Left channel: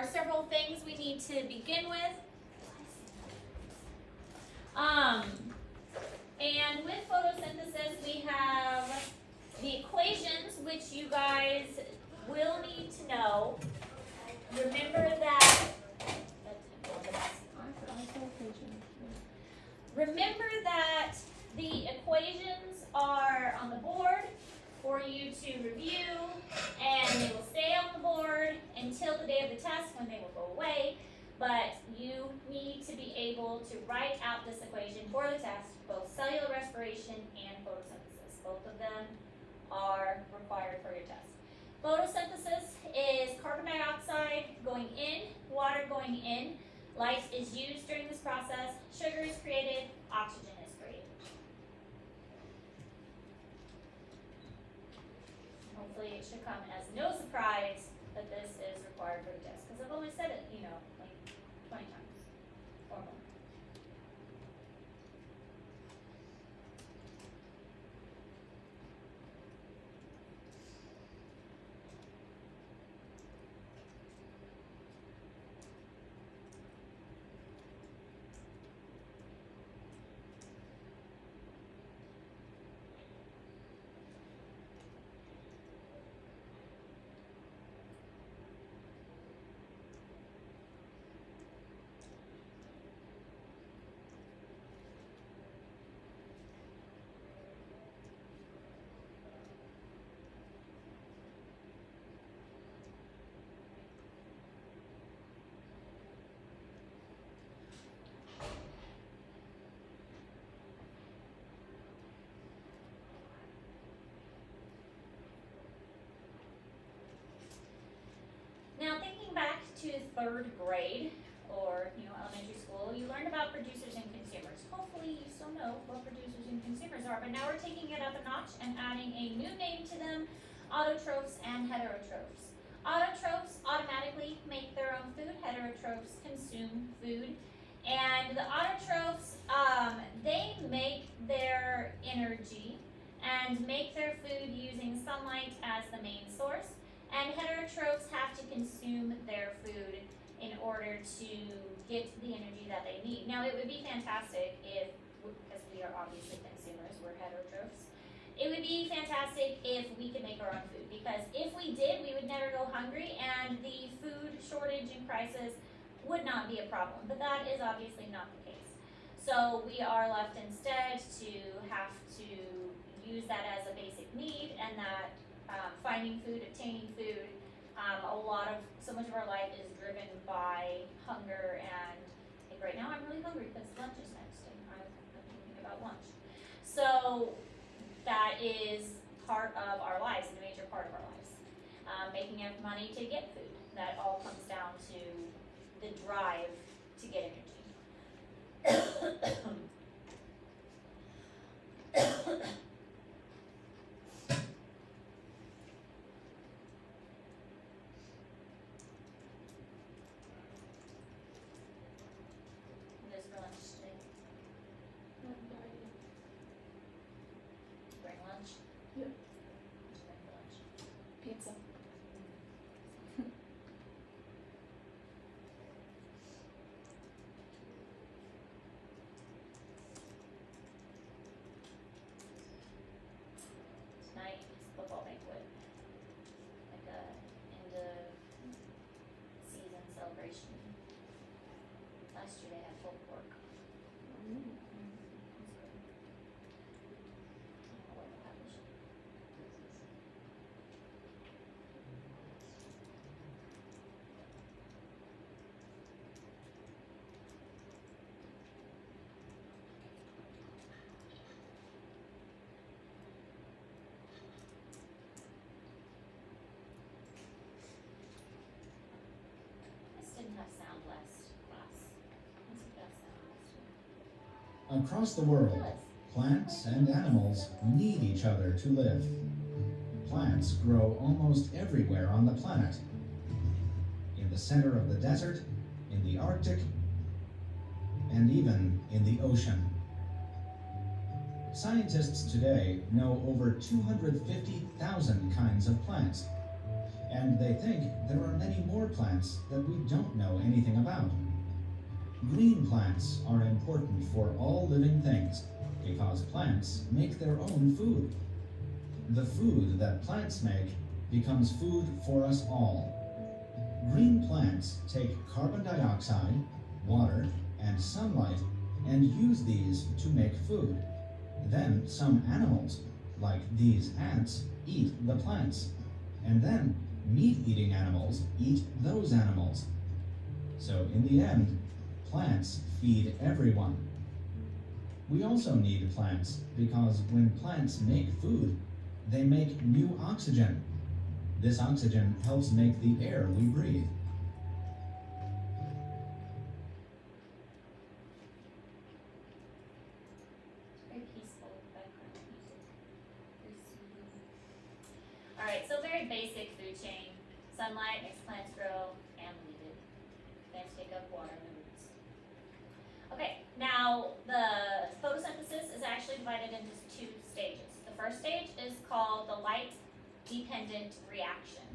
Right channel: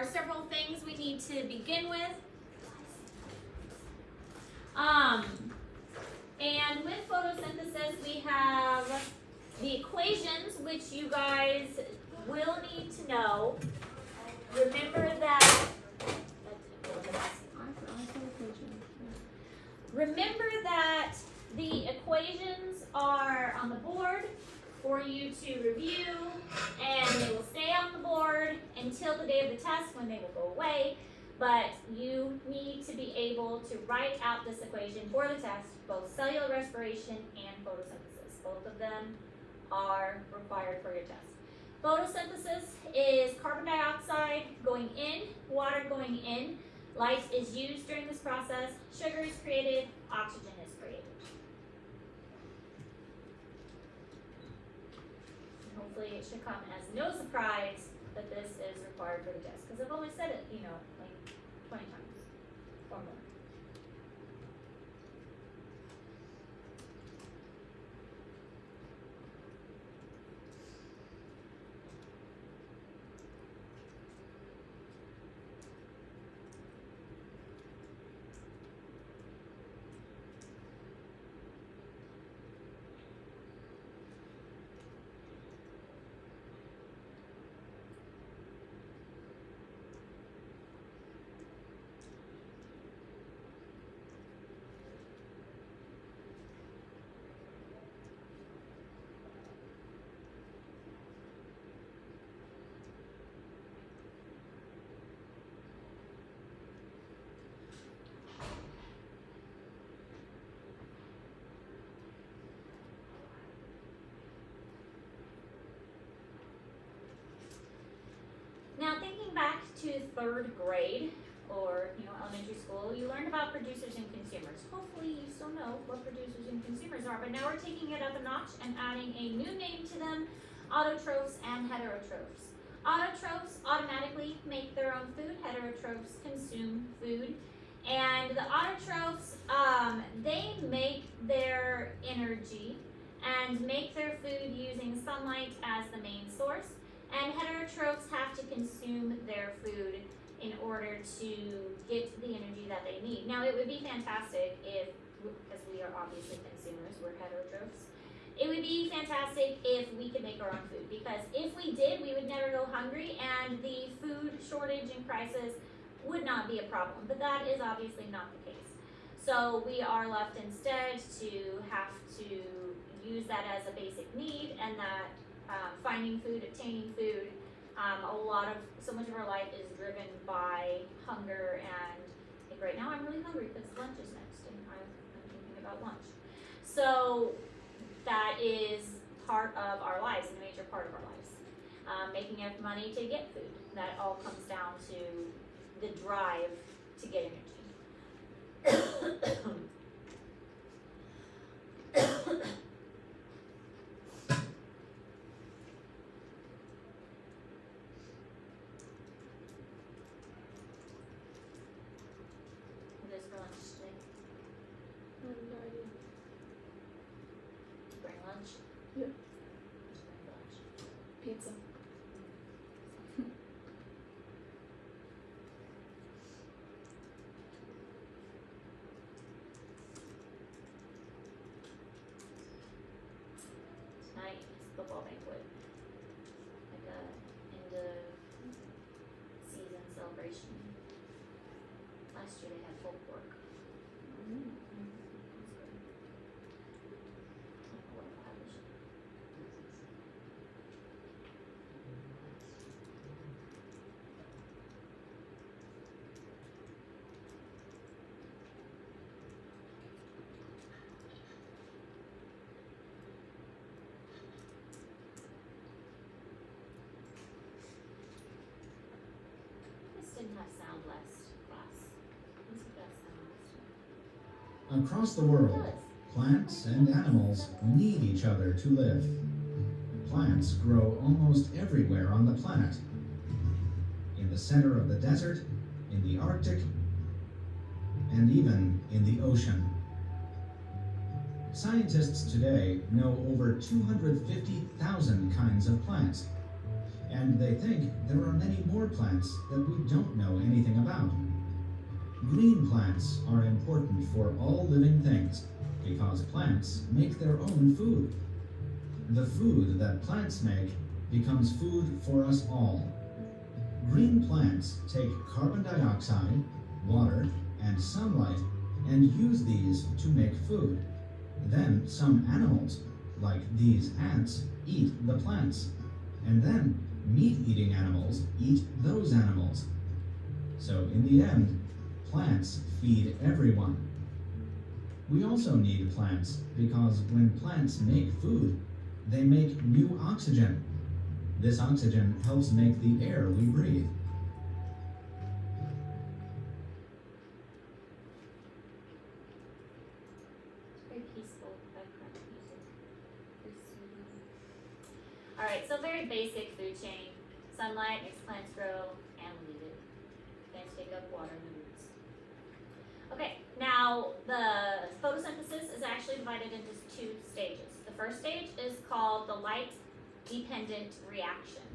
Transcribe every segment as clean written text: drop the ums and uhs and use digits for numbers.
are several things we need to begin with. And with photosynthesis, we have the equations, which you guys will need to know. Remember that the equations are on the board for you to review, and they will stay on the board until the day of the test when they will go away. But you need to be able to write out this equation for the test, both cellular respiration and photosynthesis. Both of them are required for your test. Photosynthesis is carbon dioxide going in, water going in. Light is used during this process. Sugar is created, oxygen is created. Hopefully it should come as no surprise that this is required for the test, because I've only said it, like 20 times or more. Now, thinking back to 3rd grade, or elementary school, you learned about producers and consumers. Hopefully you still know what producers and consumers are, but now we're taking it up a notch and adding a new name to them: autotrophs and heterotrophs. Autotrophs automatically make their own food, heterotrophs consume food. And the autotrophs, they make their energy and make their food using sunlight as the main source. And heterotrophs have to consume their food in order to get the energy that they need. Now, it would be fantastic if, because we are obviously consumers, we're heterotrophs, it would be fantastic if we could make our own food, because if we did, we would never go hungry and the food shortage and crisis would not be a problem, but that is obviously not the case. So we are left instead to have to use that as a basic need, and that finding food, obtaining food, so much of our life is driven by hunger, and like right now I'm really hungry because lunch is next and I'm thinking about lunch. So that is part of our lives, a major part of our lives. Making enough money to get food, that all comes down to the drive to get energy. Pizza. Tonight is football banquet, like a end of season celebration. Last year they had pulled pork. Across the world, plants and animals need each other to live. Plants grow almost everywhere on the planet. In the center of the desert, in the Arctic, and even in the ocean. Scientists today know over 250,000 kinds of plants. And they think there are many more plants that we don't know anything about. Green plants are important for all living things because plants make their own food. The food that plants make becomes food for us all. Green plants take carbon dioxide, water, and sunlight and use these to make food. Then some animals, like these ants, eat the plants. And then meat-eating animals eat those animals. So in the end, plants feed everyone. We also need plants because when plants make food, they make new oxygen. This oxygen helps make the air we breathe. Very peaceful background music. Very soothing. Alright, so very basic food chain. Sunlight makes plants grow and leave it. Plants take up water and the roots. Okay, now the photosynthesis is actually divided into two stages. The first stage is called the light dependent reaction.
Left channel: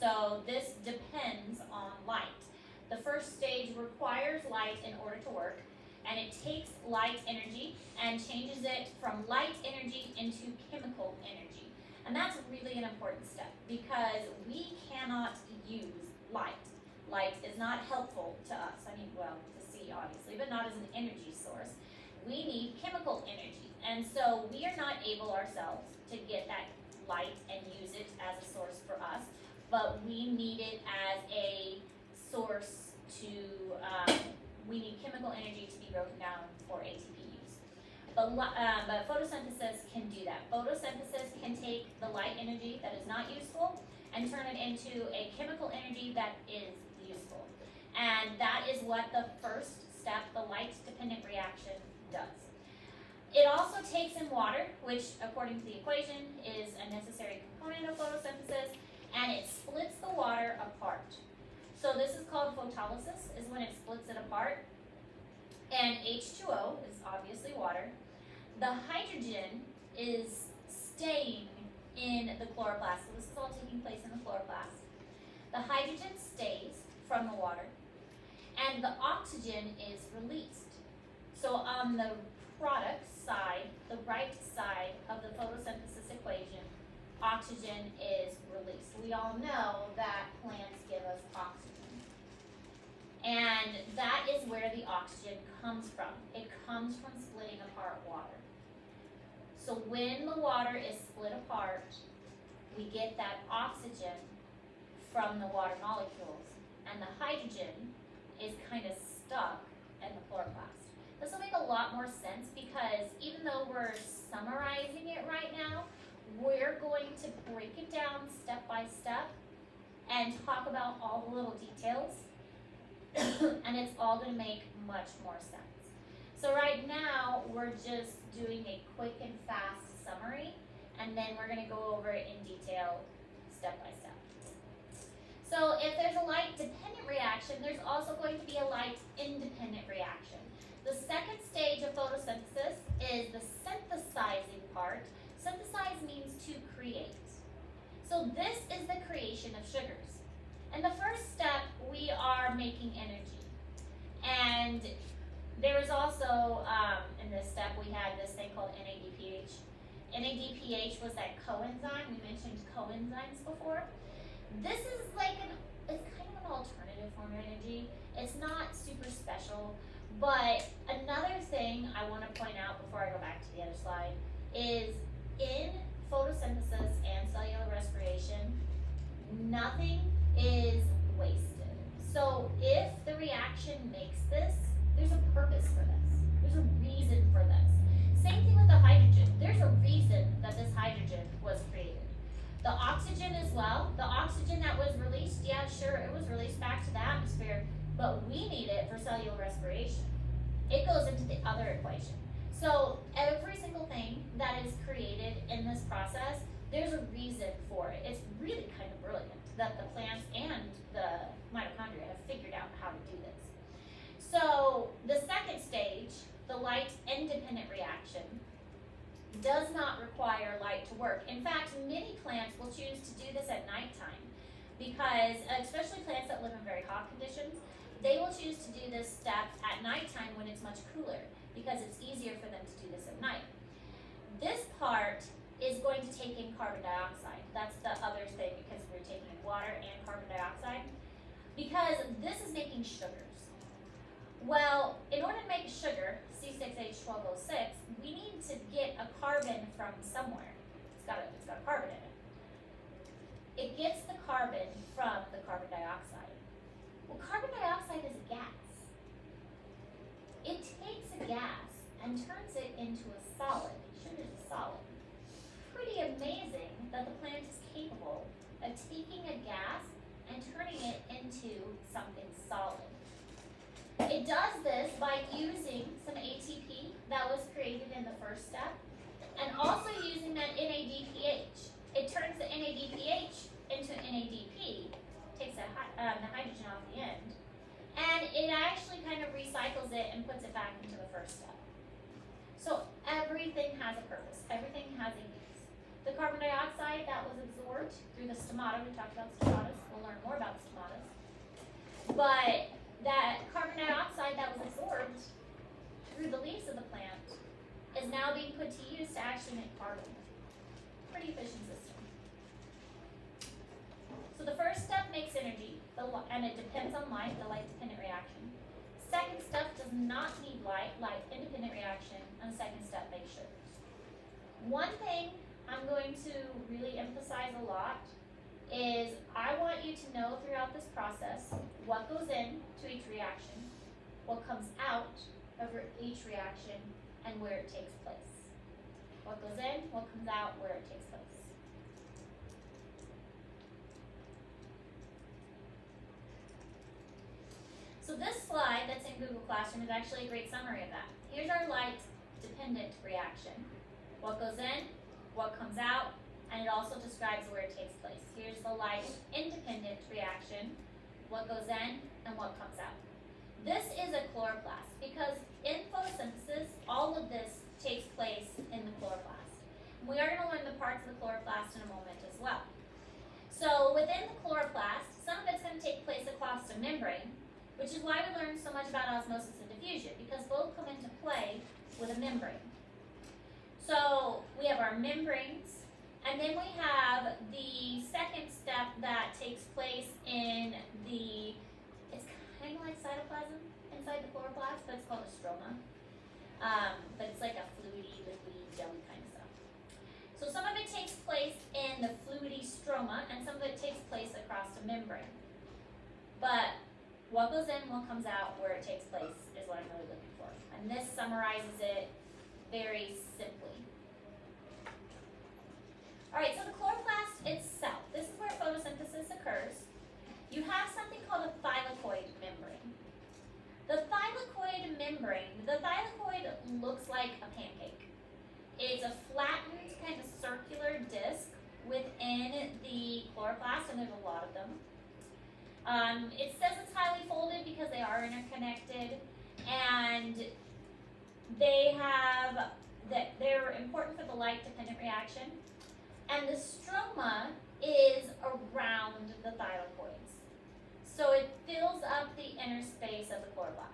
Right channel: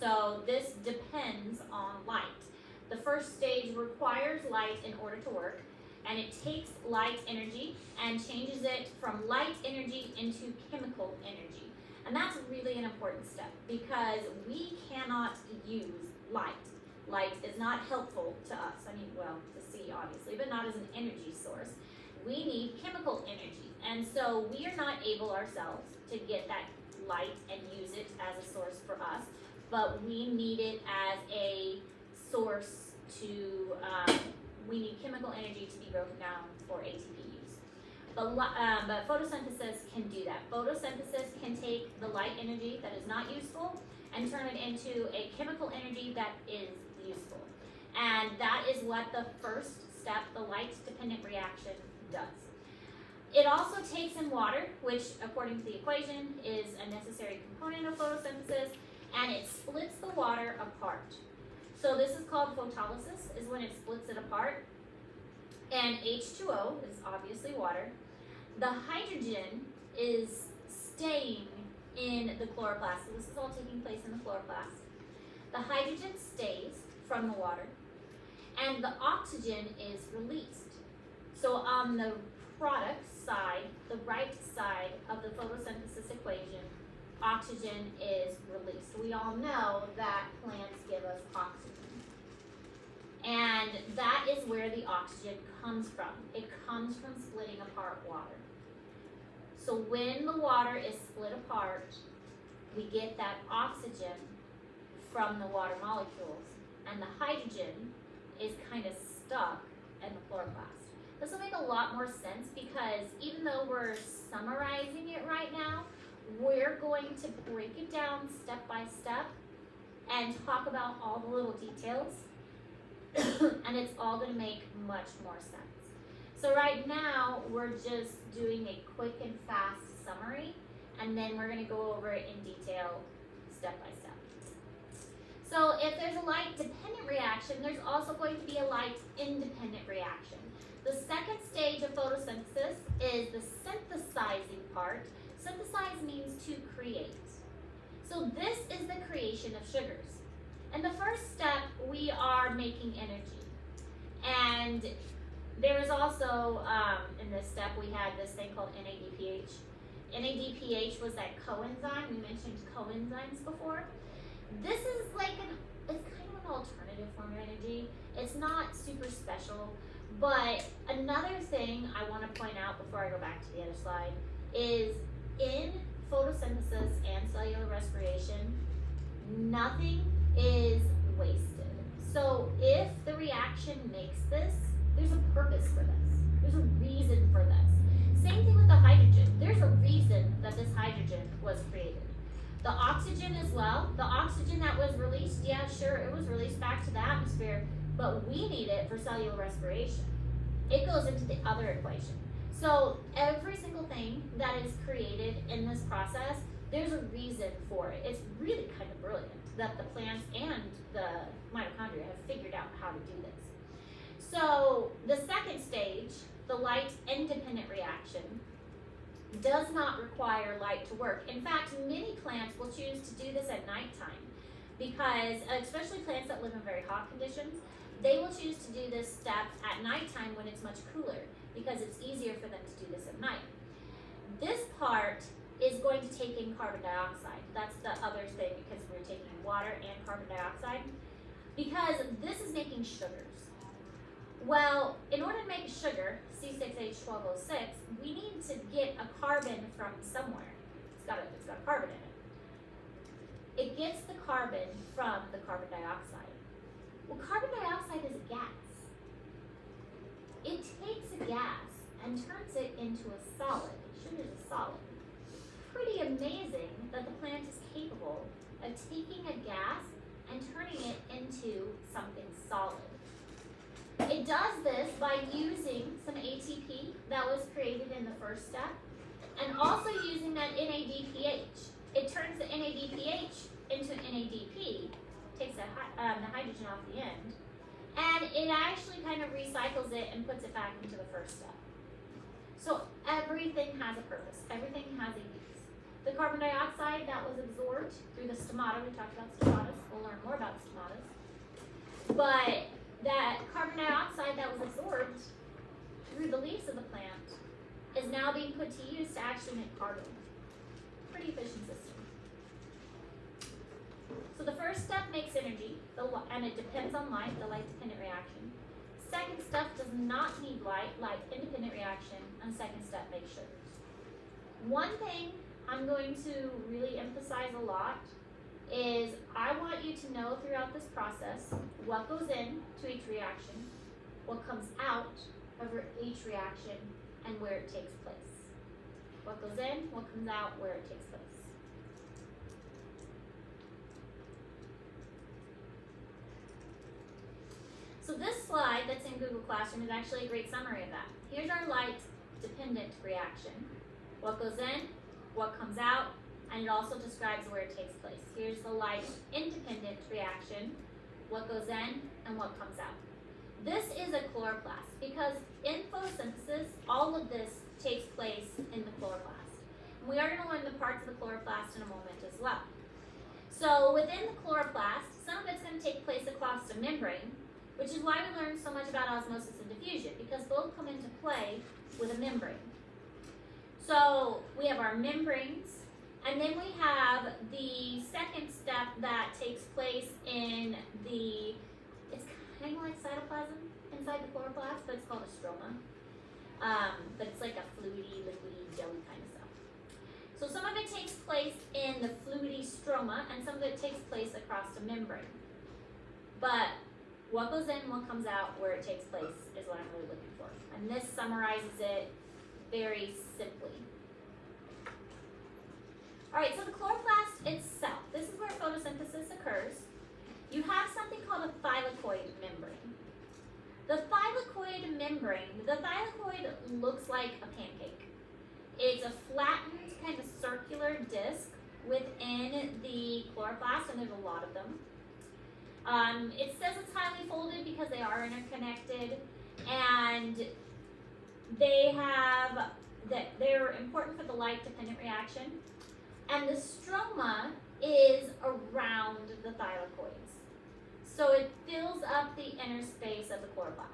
So this depends on light. The first stage requires light in order to work, and it takes light energy and changes it from light energy into chemical energy. And that's really an important step because we cannot use light. Light is not helpful to us. I mean, well, to see obviously, but not as an energy source. We need chemical energy. And so we are not able ourselves to get that light and use it as a source for us, but we need it as a source to, we need chemical energy to be broken down for ATP use. But photosynthesis can do that. Photosynthesis can take the light energy that is not useful and turn it into a chemical energy that is useful. And that is what the first step, the light-dependent reaction, does. It also takes in water, which according to the equation is a necessary component of photosynthesis, and it splits the water apart. So this is called photolysis, is when it splits it apart. And H2O is obviously water. The hydrogen is staying in the chloroplast. So this is all taking place in the chloroplast. The hydrogen stays from the water, and the oxygen is released. So on the product side, the right side of the photosynthesis equation, oxygen is released. We all know that plants give us oxygen. And that is where the oxygen comes from. It comes from splitting apart water. So when the water is split apart, we get that oxygen from the water molecules, and the hydrogen is kind of stuck in the chloroplast. This will make a lot more sense because even though we're summarizing it right now, we're going to break it down step by step and talk about all the little details and it's all going to make much more sense. So right now, we're just doing a quick and fast summary, and then we're going to go over it in detail step by step. So if there's a light-dependent reaction, there's also going to be a light-independent reaction. The second stage of photosynthesis is the synthesizing part. Synthesize means to create. So this is the creation of sugars. And the first step, we are making energy. And there is also, in this step, we had this thing called NADPH. NADPH was that coenzyme. We mentioned coenzymes before. This is like it's kind of an alternative form of energy. It's not super special, but another thing I want to point out before I go back to the other slide is in photosynthesis and cellular respiration, nothing is wasted. So if the reaction makes this, there's a purpose for this. There's a reason for this. Same thing with the hydrogen. There's a reason that this hydrogen was created. The oxygen as well. The oxygen that was released, yeah, sure, it was released back to the atmosphere, but we need it for cellular respiration. It goes into the other equation. So every single thing that is created in this process, there's a reason for it. It's really kind of brilliant that the plants and the mitochondria have figured out how to do this. So the second stage, the light-independent reaction, does not require light to work. In fact, many plants will choose to do this at nighttime because, especially plants that live in very hot conditions, they will choose to do this step at nighttime when it's much cooler, because it's easier for them to do this at night. This part is going to take in carbon dioxide. That's the other thing, because we're taking in water and carbon dioxide, because this is making sugars. Well, in order to make a sugar, C6H12O6, we need to get a carbon from somewhere. It's got a carbon in it. It gets the carbon from the carbon dioxide. Well, carbon dioxide is a gas. It takes a gas and turns it into a solid. Sugar is a solid. Pretty amazing that the plant is capable of taking a gas and turning it into something solid. It does this by using some ATP that was created in the first step, and also using that NADPH. It turns the NADPH into NADP, takes the hydrogen off the end, and it actually kind of recycles it and puts it back into the first step. So everything has a purpose. Everything has a use. The carbon dioxide that was absorbed through the stomata, we talked about stomatas, we'll learn more about stomatas, but that carbon dioxide that was absorbed through the leaves of the plant is now being put to use to actually make carbon. Pretty efficient system. So the first step makes energy, and it depends on light, the light-dependent reaction. Second step does not need light, light-independent reaction, and second step makes sugars. One thing I'm going to really emphasize a lot is I want you to know throughout this process what goes into each reaction, what comes out of each reaction, and where it takes place. What goes in, what comes out, where it takes place. So this slide that's in Google Classroom is actually a great summary of that. Here's our light-dependent reaction. What goes in, what comes out, and it also describes where it takes place. Here's the light-independent reaction, what goes in and what comes out. This is a chloroplast, because in photosynthesis, all of this takes place in the chloroplast. And we are going to learn the parts of the chloroplast in a moment as well. So within the chloroplast, some of it's going to take place across the membrane, which is why we learn so much about osmosis and diffusion, because both come into play with a membrane. So we have our membranes, and then we have the second step that takes place in the, it's kind of like cytoplasm inside the chloroplast, but it's called a stroma. But it's like a fluidy, liquidy, jelly kind of stuff. So some of it takes place in the fluidy stroma, and some of it takes place across the membrane. But what goes in, what comes out, where it takes place is what I'm really looking for. And this summarizes it very simply. Alright, so the chloroplast itself, this is where photosynthesis occurs. You have something called a thylakoid membrane. The thylakoid membrane, the thylakoid looks like a pancake. It's a flattened kind of circular disc within the chloroplast, and there's a lot of them. It says it's highly folded because they are interconnected, and they're important for the light-dependent reaction. And the stroma is around the thylakoids. So it fills up the inner space of the chloroplast.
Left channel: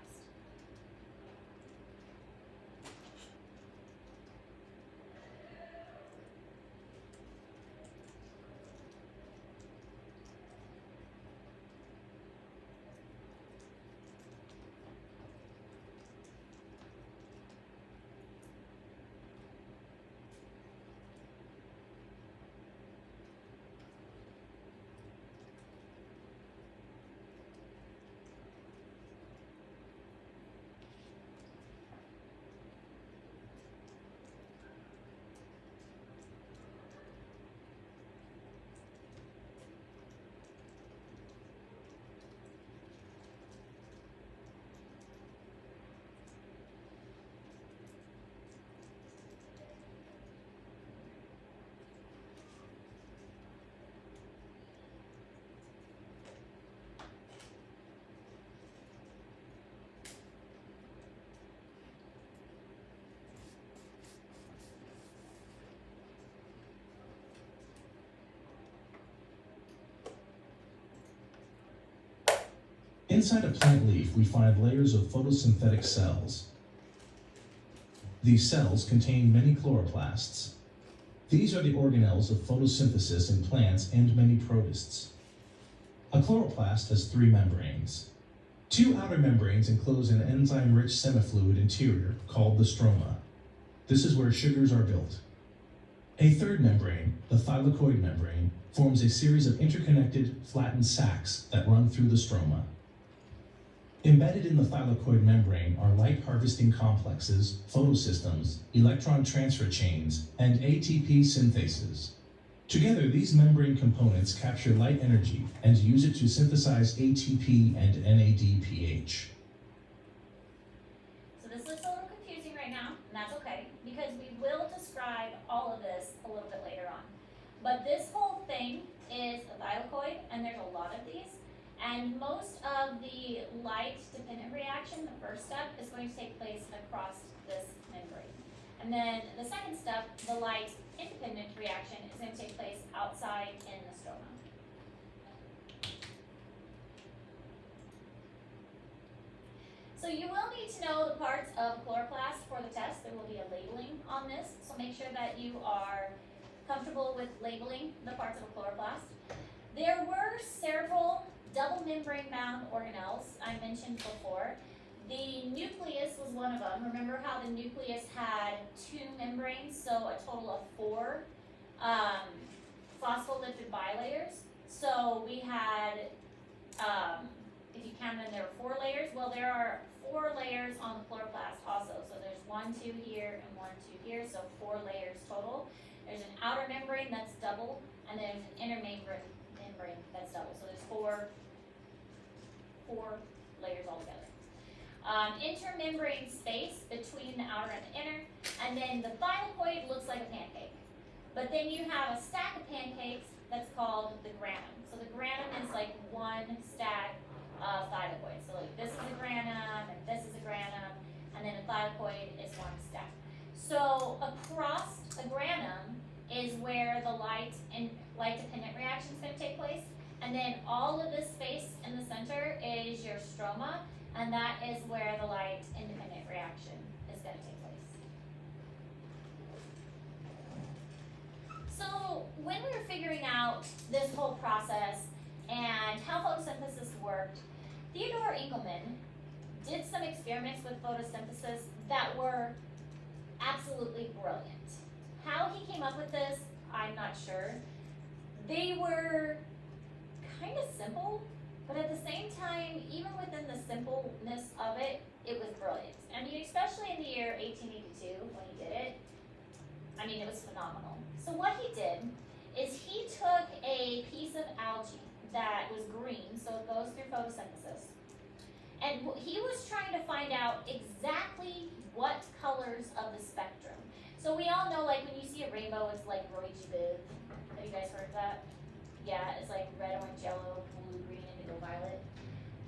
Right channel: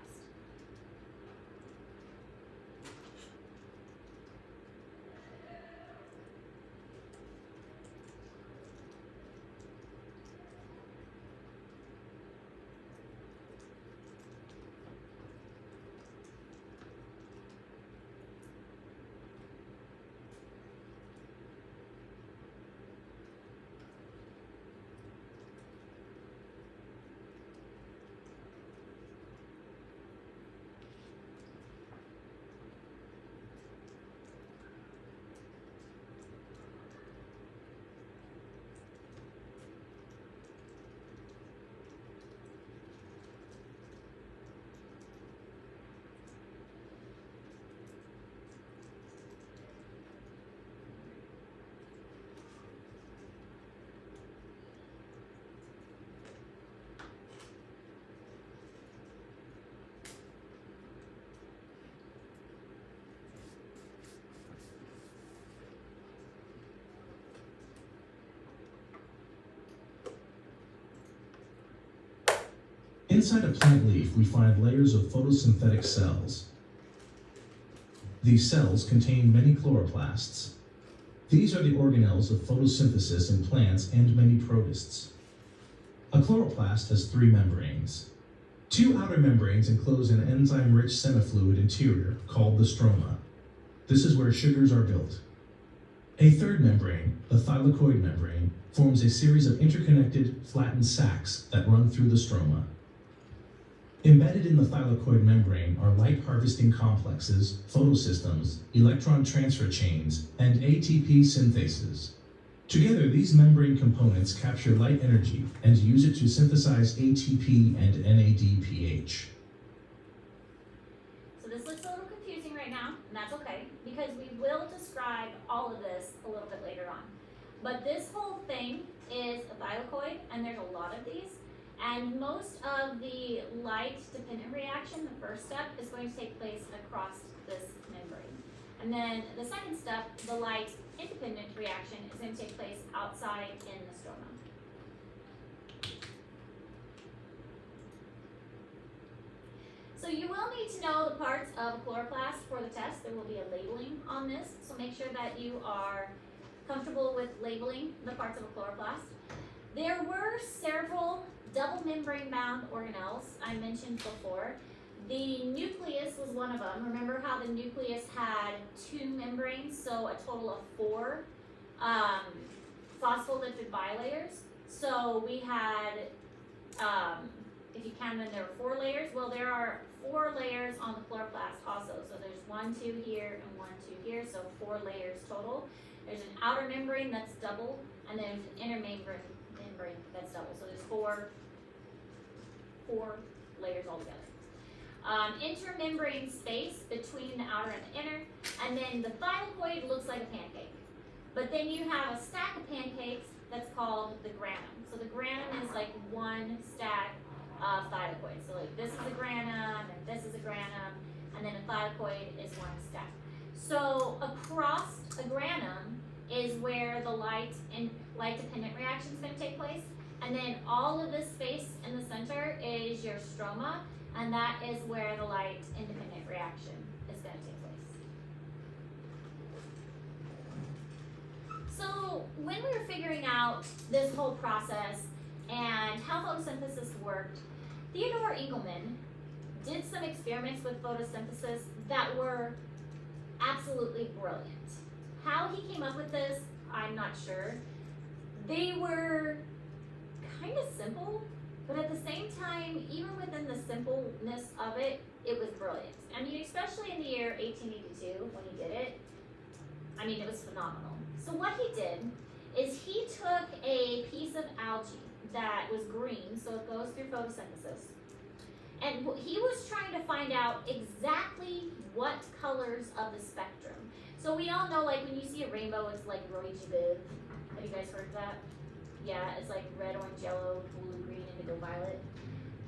Inside a plant leaf, we find layers of photosynthetic cells. These cells contain many chloroplasts. These are the organelles of photosynthesis in plants and many protists. A chloroplast has 3 membranes. 2 outer membranes enclose an enzyme-rich semifluid interior called the stroma. This is where sugars are built. A 3rd membrane, the thylakoid membrane, forms a series of interconnected, flattened sacs that run through the stroma. Embedded in the thylakoid membrane are light-harvesting complexes, photosystems, electron transfer chains, and ATP synthases. Together, these membrane components capture light energy and use it to synthesize ATP and NADPH. So this looks a little confusing right now, and that's okay, because we will describe all of this a little bit later on. But this whole thing is a thylakoid, and there's a lot of these. And most of the light-dependent reaction, the first step, is going to take place across this membrane. And then the second step, the light-independent reaction, is going to take place outside in the stroma. So you will need to know the parts of a chloroplast for the test. There will be a labeling on this, so make sure that you are comfortable with labeling the parts of a chloroplast. There were several double membrane bound organelles I mentioned before. The nucleus was one of them. Remember how the nucleus had 2 membranes, so a total of 4 phospholipid bilators. So we had, if you count them, there were 4 layers. Well, there are 4 layers on the chloroplast also. So there's 1, 2 here, and 1, 2 here, so 4 layers total. There's an outer membrane that's double, and then there's an inner membrane that's double. So there's 4 layers altogether. Intermembrane space between the outer and the inner, and then the thylakoid looks like a pancake. But then you have a stack of pancakes that's called the granum. So the granum is like one stack of thylakoids. So like this is a granum, and this is a granum, and then a thylakoid is one stack. So across a granum is where the light-dependent reaction is going to take place. And then all of this space in the center is your stroma, and that is where the light-independent reaction is going to take place. So when we were figuring out this whole process and how photosynthesis worked, Theodore Engelmann did some experiments with photosynthesis that were absolutely brilliant. How he came up with this, I'm not sure. They were kind of simple, but at the same time, even within the simpleness of it, it was brilliant. I mean, especially in the year 1882 when he did it, I mean, it was phenomenal. So what he did is he took a piece of algae that was green, so it goes through photosynthesis, and he was trying to find out exactly what colors of the spectrum. So we all know, like, when you see a rainbow, it's like rose viv. Have you guys heard of that? Yeah, it's like red, orange, yellow, blue, green, indigo, violet.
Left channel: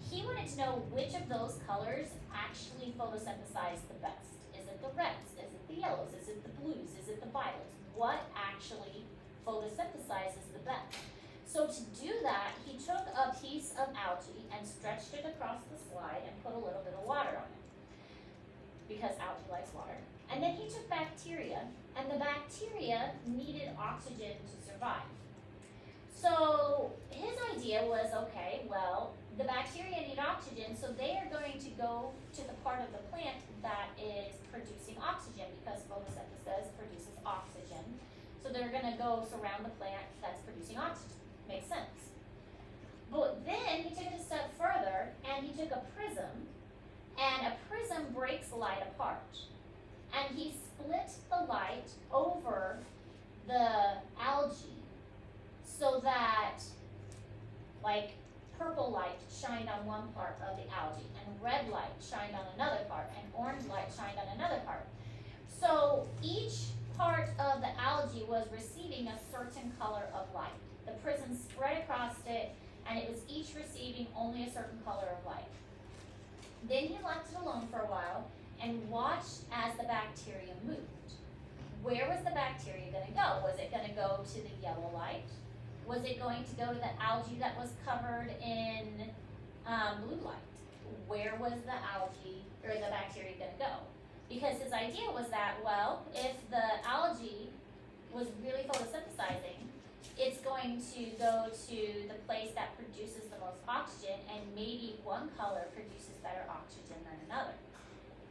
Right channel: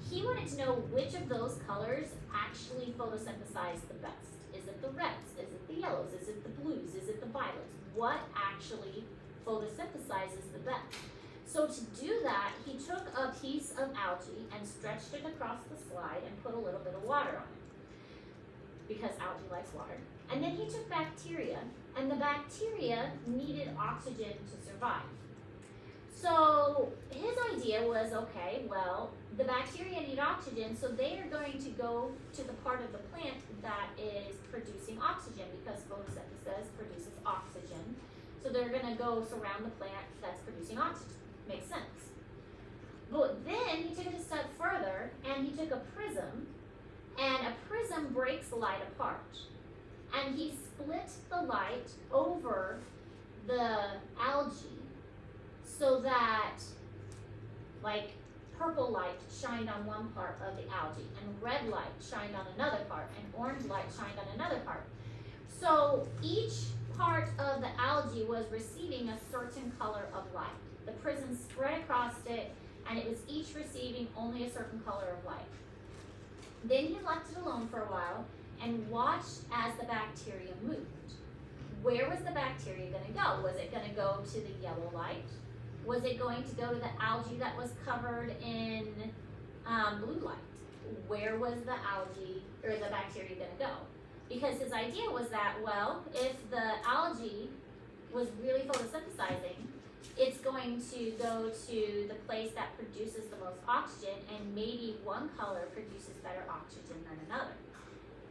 He wanted to know which of those colors actually photosynthesize the best. Is it the reds? Is it the yellows? Is it the blues? Is it the violets? What actually photosynthesizes the best? So to do that, he took a piece of algae and stretched it across the slide and put a little bit of water on it, because algae likes water. And then he took bacteria, and the bacteria needed oxygen to survive. So his idea was, okay, well, the bacteria need oxygen, so they are going to go to the part of the plant that is producing oxygen, because photosynthesis produces oxygen. So they're going to go surround the plant that's producing oxygen. Makes sense. But then he took it a step further, and he took a prism, and a prism breaks light apart. And he split the light over the algae, so that, like, purple light shined on one part of the algae, and red light shined on another part, and orange light shined on another part. So each part of the algae was receiving a certain color of light. The prism spread across it, and it was each receiving only a certain color of light. Then he left it alone for a while and watched as the bacteria moved. Where was the bacteria going to go? Was it going to go to the yellow light? Was it going to go to the algae that was covered in blue light. Where was the algae or the bacteria going to go? Because his idea was that, well, if the algae was really photosynthesizing, it's going to go to the place that produces the most oxygen, and maybe one color produces better oxygen than another.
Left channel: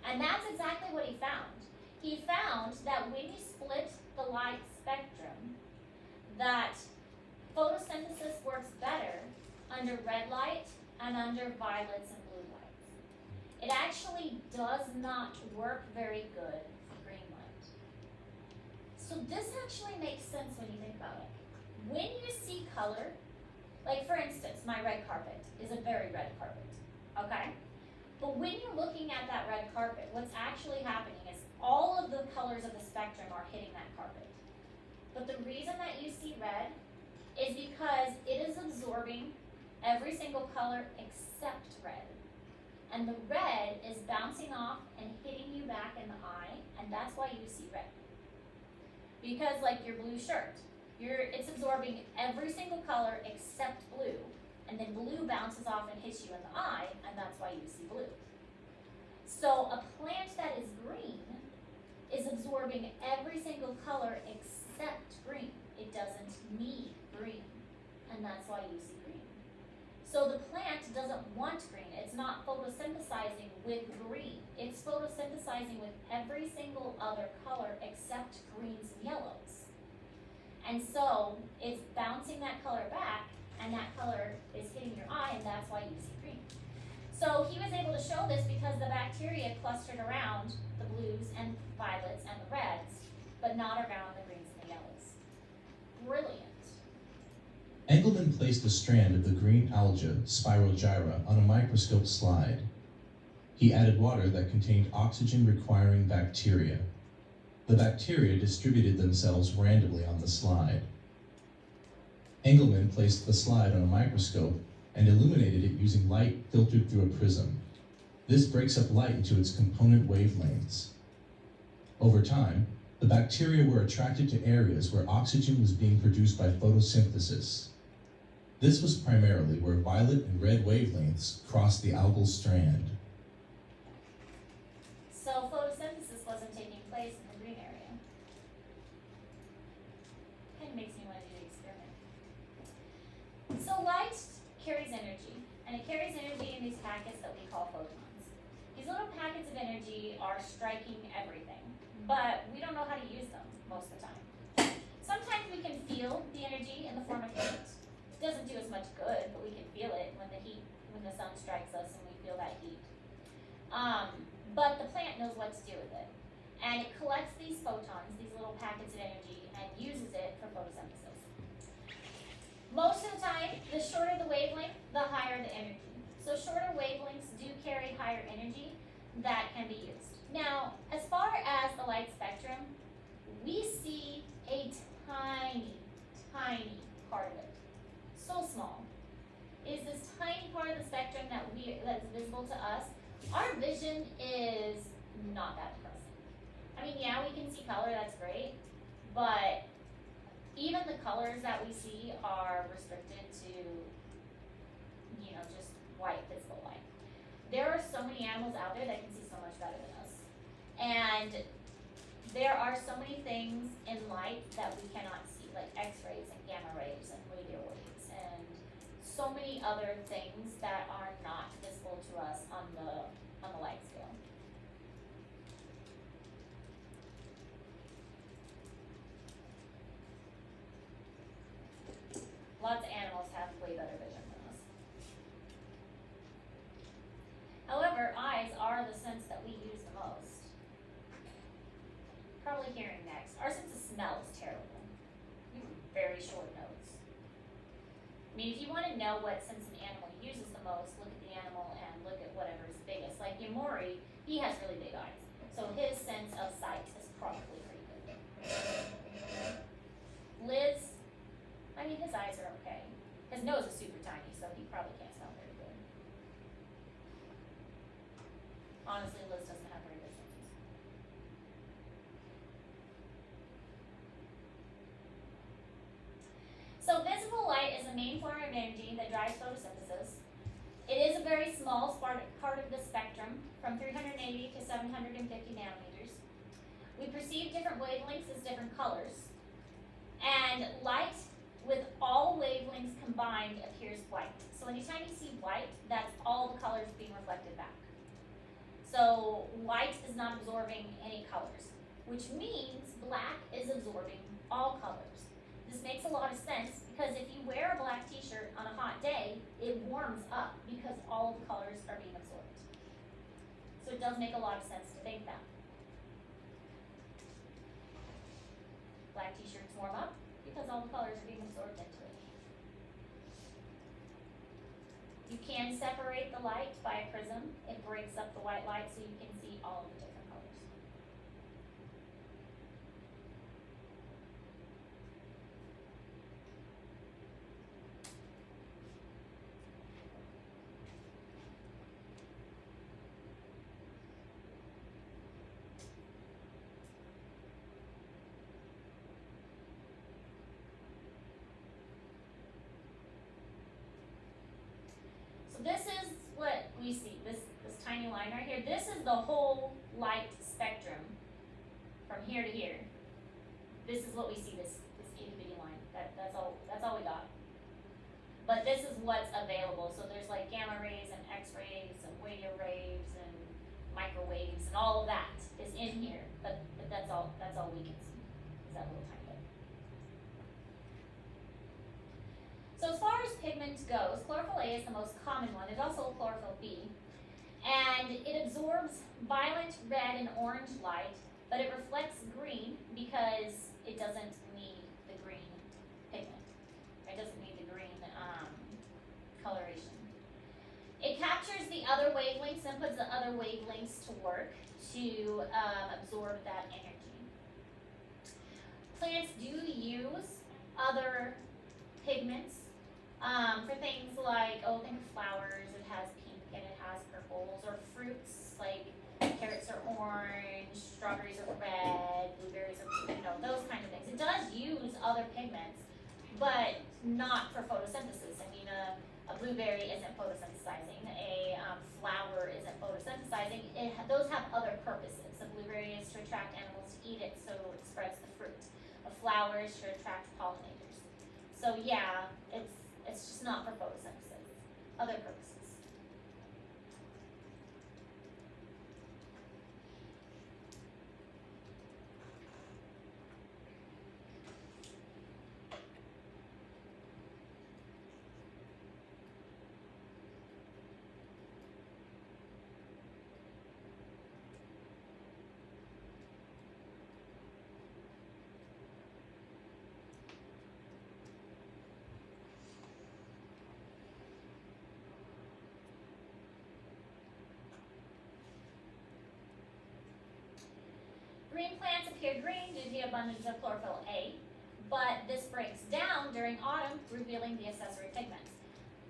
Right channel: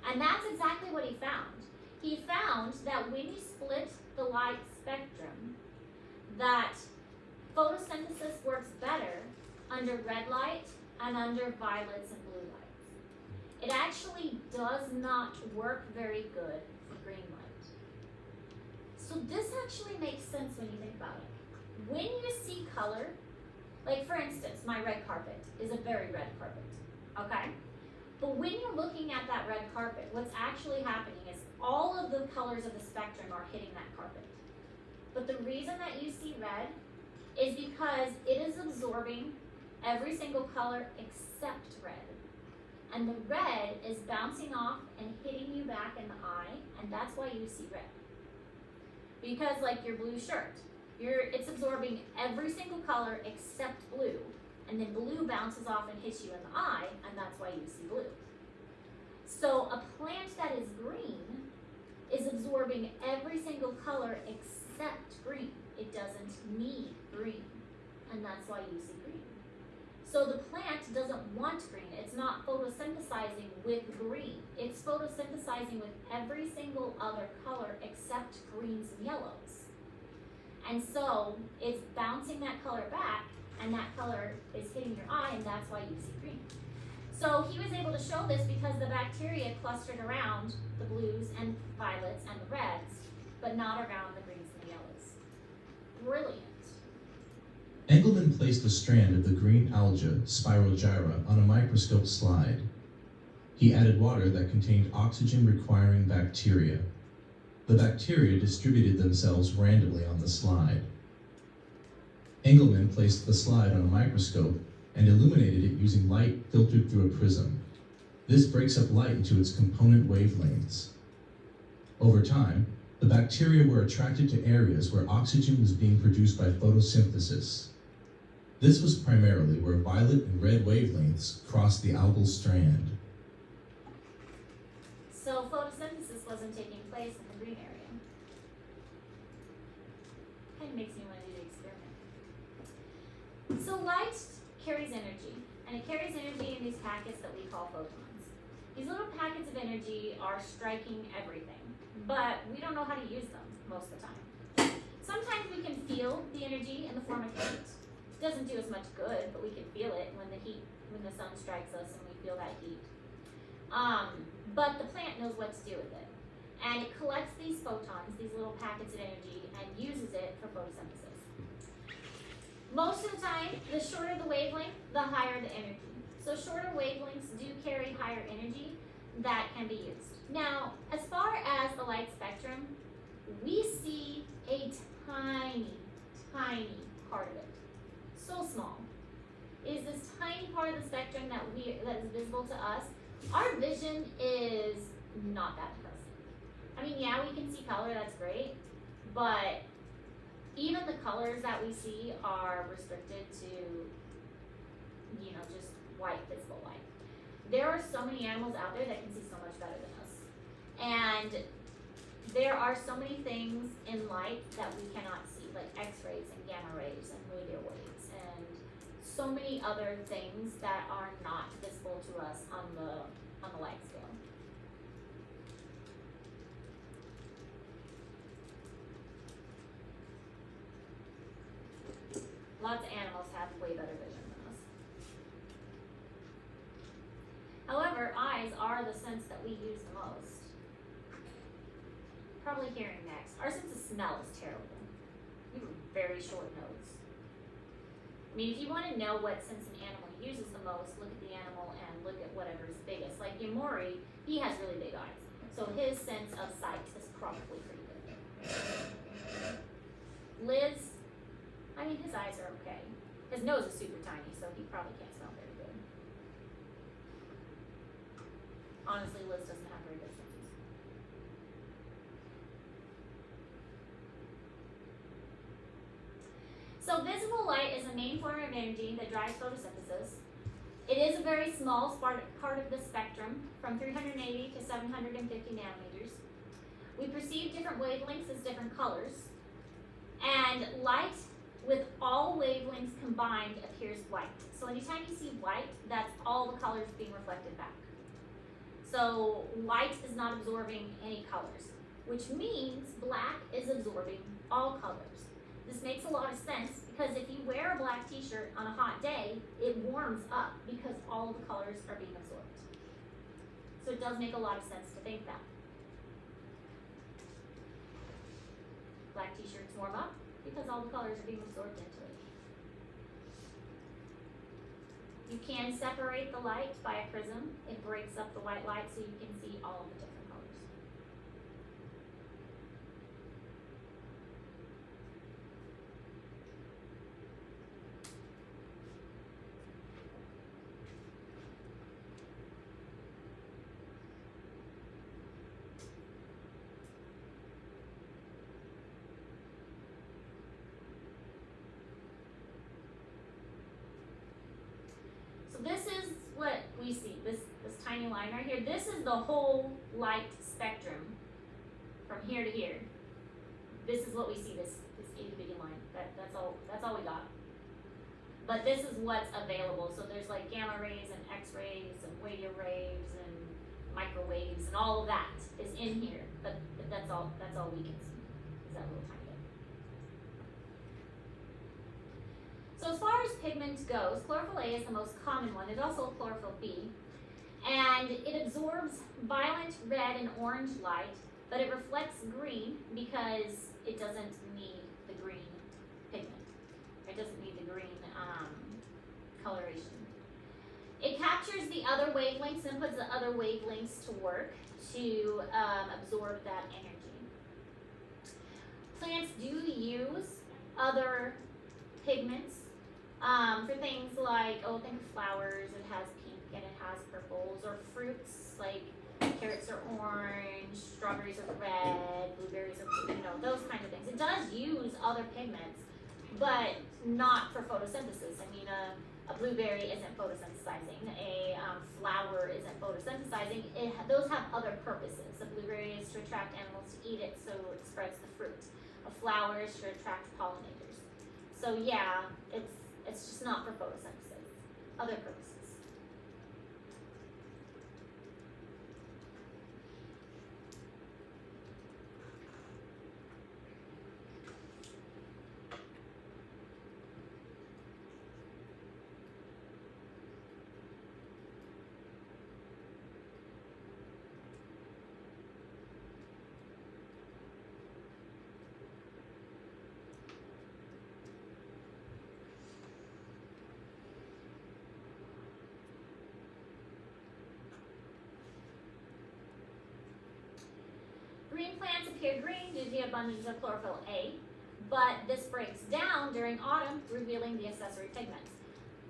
And that's exactly what he found. He found that when you split the light spectrum, that photosynthesis works better under red light and under violets and blue lights. It actually does not work very good for green light. So this actually makes sense when you think about it. When you see color, like for instance, my red carpet is a very red carpet, okay? But when you're looking at that red carpet, what's actually happening is all of the colors of the spectrum are hitting that carpet. But the reason that you see red is because it is absorbing every single color except red. And the red is bouncing off and hitting you back in the eye, and that's why you see red. Because like your blue shirt, it's absorbing every single color except blue, and then blue bounces off and hits you in the eye, and that's why you see blue. So a plant that is green is absorbing every single color except green. It doesn't need green, and that's why you see green. So the plant doesn't want green. It's not photosynthesizing with green. It's photosynthesizing with every single other color except greens and yellows. And so it's bouncing that color back, and that color is hitting your eye, and that's why you see green. So he was able to show this because the bacteria clustered around the blues and violets and the reds, but not around the greens and the yellows. Brilliant. Engelmann placed a strand of the green alga, Spirogyra, on a microscope slide. He added water that contained oxygen-requiring bacteria. The bacteria distributed themselves randomly on the slide. Engelmann placed the slide on a microscope and illuminated it using light filtered through a prism. This breaks up light into its component wavelengths. Over time, the bacteria were attracted to areas where oxygen was being produced by photosynthesis. This was primarily where violet and red wavelengths crossed the algal strand. So photosynthesis wasn't taking place in the green area. Kind of makes me want to do the experiment. So light carries energy, and it carries energy in these packets that we call photons. These little packets of energy are striking everything, but we don't know how to use them most of the time. Sometimes we can feel the energy in the form of heat. It doesn't do as much good, but we can feel it when the sun strikes us and we feel that heat. But the plant knows what to do with it. And it collects these photons, these little packets of energy, and uses it for photosynthesis. Most of the time, the shorter the wavelength, the higher the energy. So shorter wavelengths do carry higher energy that can be used. Now, as far as the light spectrum, we see a tiny, tiny part of it. So small. It is this tiny part of the spectrum that is visible to us. Our vision is not that depressing. I mean, yeah, we can see color, that's great, but even the colors that we see are restricted to, just white visible light. There are so many animals out there that can see so much better than us. And there are so many things in light that we cannot see, like X-rays and gamma rays and radio waves and so many other things that are not visible to us on the light scale. Lots of animals have way better vision than us. However, eyes are the sense that we use the most. Probably hearing next. Our sense of smell is terrible. We have a very short nose. I mean, if you want to know what sense an animal uses the most, look at the animal and look at whatever is biggest. Like Yamori, he has really big eyes. So his sense of sight is probably pretty good. Liz, I mean, his eyes are okay. His nose is super tiny, so he probably can't smell very good. Honestly, Liz doesn't have very good senses. So visible light is the main form of energy that drives photosynthesis. It is a very small part of the spectrum, from 380 to 750 nanometers. We perceive different wavelengths as different colors, and light with all wavelengths combined appears white. So anytime you see white, that's all the colors being reflected back. So white is not absorbing any colors, which means black is absorbing all colors. This makes a lot of sense because if you wear a black t-shirt on a hot day, it warms up because all the colors are being absorbed. So it does make a lot of sense to think that. Black t-shirts warm up because all the colors are being absorbed into it. You can separate the light by a prism. It breaks up the white light so you can see all of the different colors. So this is what we see, this tiny line right here. This is the whole light spectrum from here to here. This is what we see, this itty bitty line. That's all we got. But this is what's available. So there's like gamma rays and X-rays and radio waves and microwaves and all of that is in here. But that's all we can see. Is that little tiny bit. So as far as pigment goes, chlorophyll A is the most common one. It's also chlorophyll B. And it absorbs violet, red, and orange light, but it reflects green because it doesn't need the green pigment. It doesn't need the green coloration. It captures the other wavelengths and puts the other wavelengths to work to absorb that energy. Plants do use other pigments for things like, think of flowers, it has pink and it has purples, or fruits like carrots are orange, strawberries are red, blueberries are blue, those kind of things. It does use other pigments, but not for photosynthesis. I mean, a blueberry isn't photosynthesizing, a flower isn't photosynthesizing. Those have other purposes. A blueberry is to attract animals to eat it, so it spreads the fruit. A flower is to attract pollinators. So yeah, it's just not for photosynthesis, other purposes. Green plants appear green due to the abundance of chlorophyll A, but this breaks down during autumn, revealing the accessory pigments.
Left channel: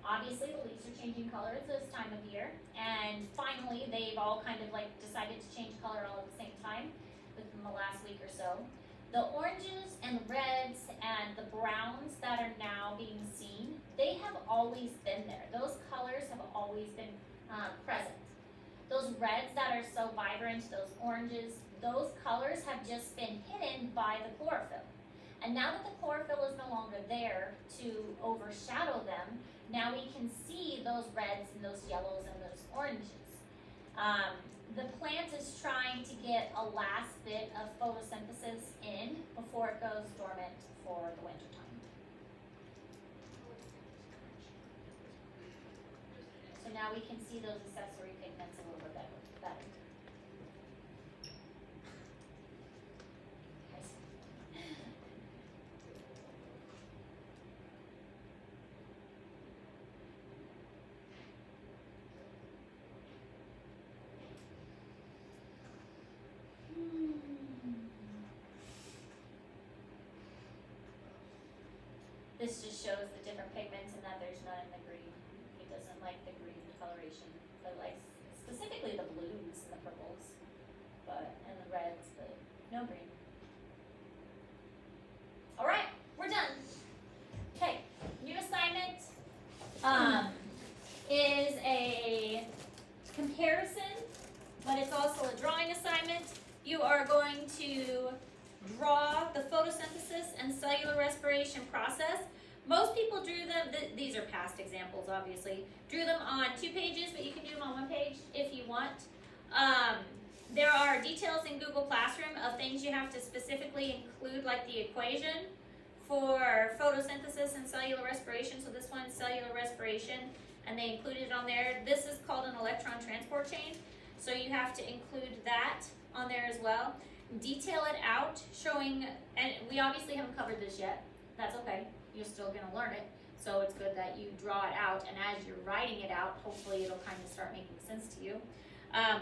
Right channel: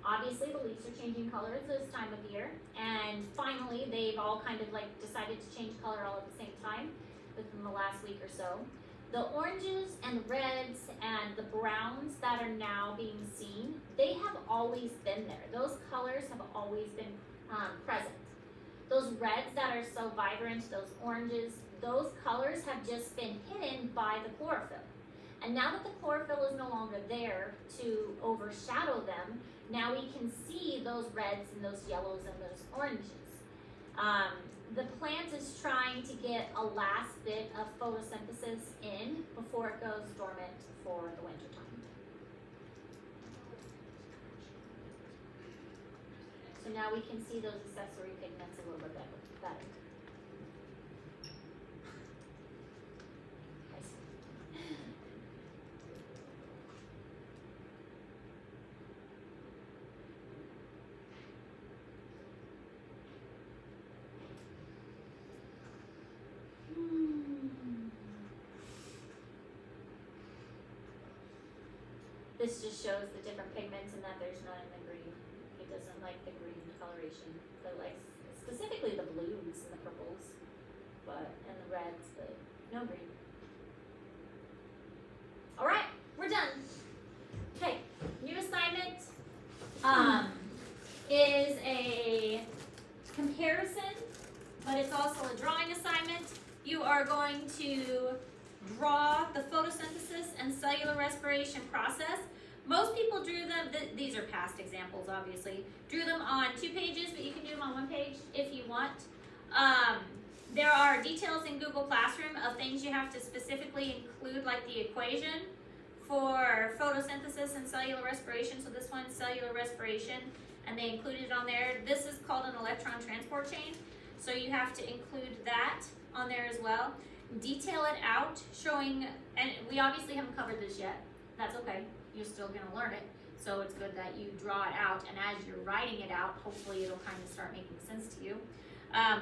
Obviously, the leaves are changing colors this time of year, and finally, they've all kind of like decided to change color all at the same time within the last week or so. The oranges and the reds and the browns that are now being seen, they have always been there. Those colors have always been present. Those reds that are so vibrant, those oranges, those colors have just been hidden by the chlorophyll. And now that the chlorophyll is no longer there to overshadow them, now we can see those reds and those yellows and those oranges. The plant is trying to get a last bit of photosynthesis in before it goes dormant for the winter time. So now we can see those accessory pigments a little bit better. This just shows the different pigments and that there's none in the green. He doesn't like the green coloration, but likes specifically the blues and the purples, and the reds, but no green. All right, we're done. Okay, new assignment is is a comparison, but it's also a drawing assignment. You are going to draw the photosynthesis and cellular respiration process. Most people drew them, these are past examples obviously, drew them on 2 pages, but you can do them on 1 page if you want. There are details in Google Classroom of things you have to specifically include, like the equation for photosynthesis and cellular respiration. So this one's cellular respiration, and they included it on there. This is called an electron transport chain, so you have to include that on there as well. Detail it out, showing, and we obviously haven't covered this yet. That's okay, you're still gonna learn it. So it's good that you draw it out, and as you're writing it out, hopefully it'll kind of start making sense to you.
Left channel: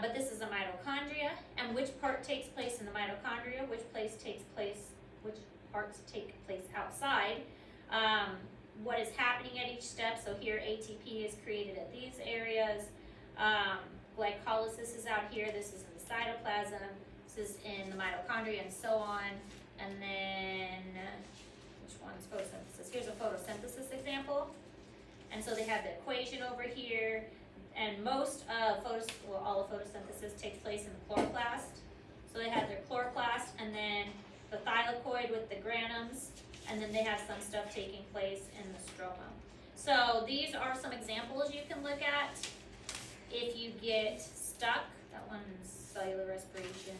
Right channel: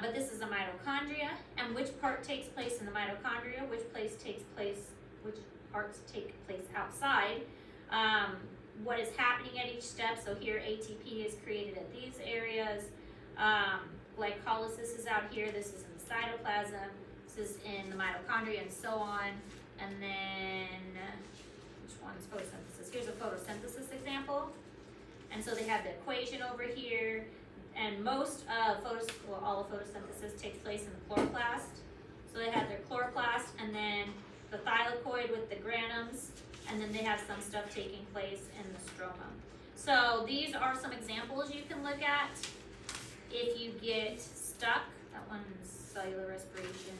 But this is a mitochondria, and which part takes place in the mitochondria, which parts take place outside, what is happening at each step. So here ATP is created at these areas, glycolysis is out here, this is in the cytoplasm, this is in the mitochondria, and so on. And then, which one's photosynthesis? Here's a photosynthesis example. And so they have the equation over here, and most of all of photosynthesis takes place in the chloroplast. So they have their chloroplast, and then the thylakoid with the granums, and then they have some stuff taking place in the stroma. So these are some examples you can look at if you get stuck. That one's cellular respiration.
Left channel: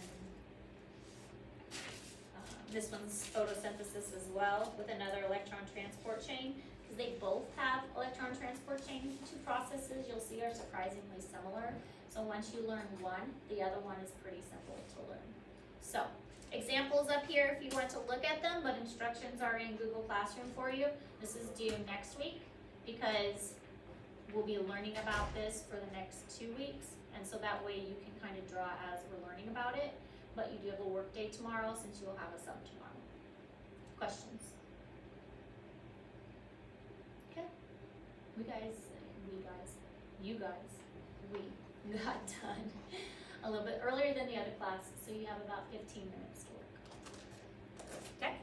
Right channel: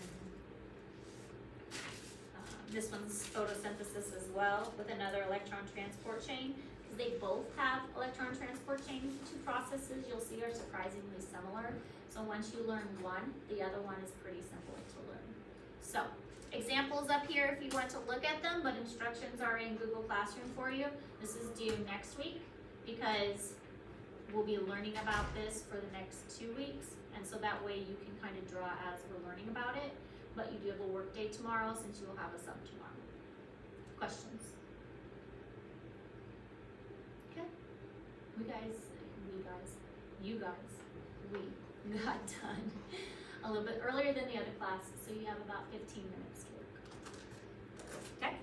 This one's photosynthesis as well, with another electron transport chain. Because they both have electron transport chains, the 2 processes you'll see are surprisingly similar. So once you learn one, the other one is pretty simple to learn. So examples up here if you want to look at them, but instructions are in Google Classroom for you. This is due next week because we'll be learning about this for the next 2 weeks, and so that way you can kind of draw as we're learning about it. But you do have a work day tomorrow since you will have a sub tomorrow. Questions? Okay. We got done a little bit earlier than the other classes, so you have about 15 minutes to work. Okay?